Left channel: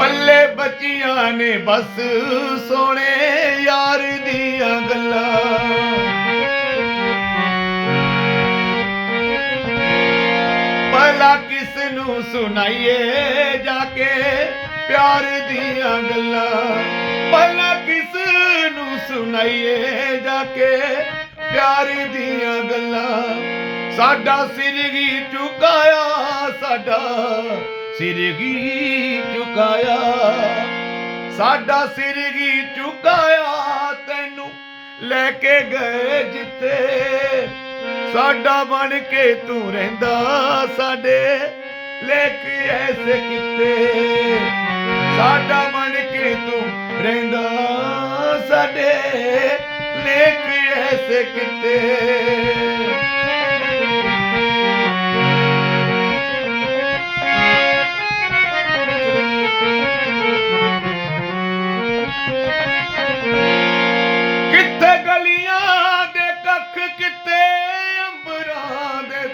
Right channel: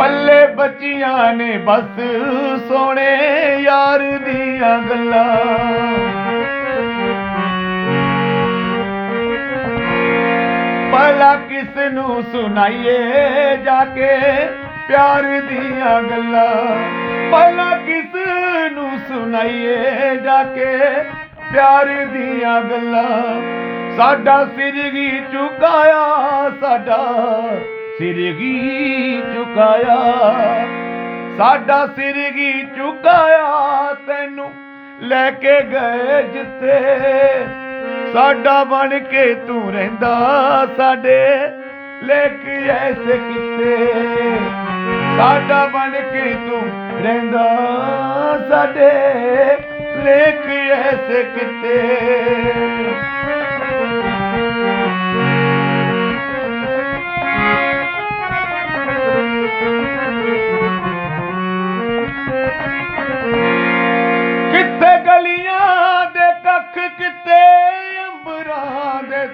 ਪੱਲੇ ਬੱਚੀਆਂ ਨੇ ਬਸ ਸੋਹਣੇ ਯਾਰ ਦੀਆਂ ਗੱਲਾਂ। ਭਲਾ ਕਿਸ ਨੂੰ ਸੁਣਾਈਏ ਜਾ ਕੇ ਪਿਆਰ ਦੀਆਂ ਗੱਲਾਂ। ਭਲਾ ਕਿਸ ਨੂੰ ਸੁਣਾਈਏ ਜਾ ਕੇ ਪਿਆਰ ਦੀਆਂ ਗੱਲਾਂ। ਸਾਡਾ ਸਿਰ ਹੀ ਝੁਕਾਇਆ ਸਾਡਾ ਸਿਰਗੀ ਝੁਕਾਇਆ, ਸਾਡਾ ਸਿਰਗੀ ਝੁਕਾਇਆ, ਤੈਨੂੰ ਲੈ ਕੇ ਗਏ ਜਿੱਥੇ ਸਾਡਾ ਬਣ ਕੇ ਤੂੰ ਰਹਿੰਦਾ, ਸਾਡੇ ਲੇਖ ਐਸੇ ਕਿਤੇ। ਸਾਡਾ ਬਣ ਕੇ ਤੂੰ ਰਹਿੰਦਾ, ਸਾਡੇ ਲੇਖ ਐਸੇ ਕਿਤੇ।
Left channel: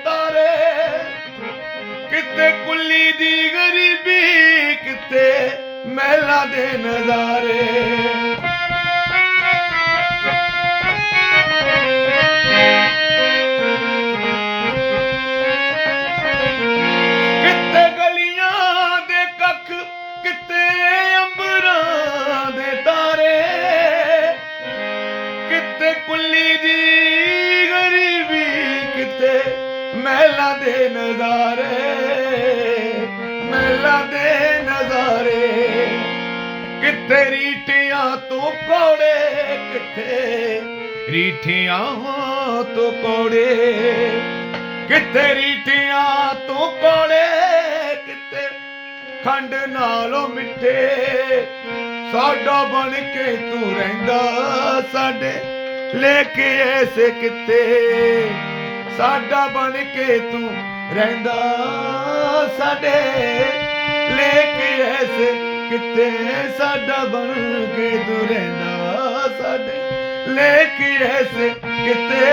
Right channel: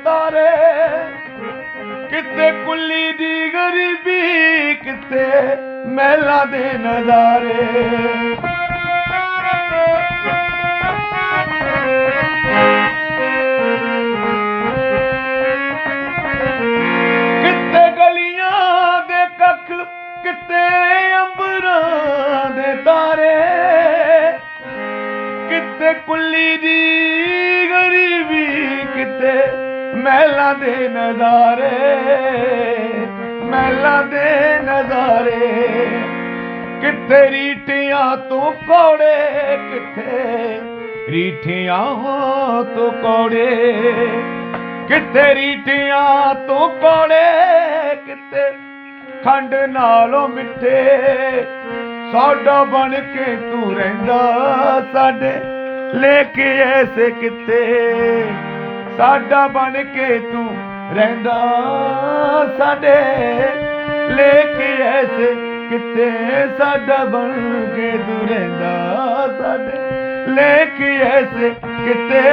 ਅੰਬਰਾਂ ਦੇ ਤਾਰੇ। ਕਿੱਥੇ ਕੁੱਲੀ ਦੀ ਗਰੀਬੀ ਕਿੱਥੇ ਮਹਿਲਾ ਦੇ ਨਜ਼ਾਰੇ। ਕਿੱਥੇ ਗਲੀਆਂ ਦੇ ਕੱਖ ਕਿੱਥੇ ਅੰਬਰਾਂ ਦੇ ਤਾਰੇ। ਕਿਤੇ ਕੁੱਲੀ ਮਹਿਲਾਂ ਦੇ ਨਜ਼ਾਰੇ, ਮਹਿਲਾਂ ਦੇ ਨਜ਼ਾਰੇ। ਕਿਤੇ ਰੀਠਿਆਂ ਤੋਂ ਕੋੜੇ ਕਿਤੇ ਰੀਠਿਆਂ ਤੋਂ ਕੋੜੇ। ਕਿਤੇ ਰੀਠਿਆਂ ਤੋਂ ਕੋੜੇ ਕਿਤੇ ਖੰਡ ਨਾਲੋਂ ਮਿੱਠੇ। ਸਾਡਾ ਬਣ ਕੇ ਤੂੰ ਰਹਿੰਦਾ ਸਾਡੇ ਲੇਖ ਐਸੇ ਕਿੱਥੇ। ਸਾਡਾ ਬਣ ਕੇ ਤੂੰ ਰਹਿੰਦਾ। ਸਾਡੇ ਲੇਖ ਐਸੇ ਕਿਤੇ ਸਾਡਾ ਬਣ ਕੇ ਤੂੰ ਰਹਿੰਦਾ। ਸਾਡੇ ਲੇਖ ਐਸੇ ਕਿਤੇ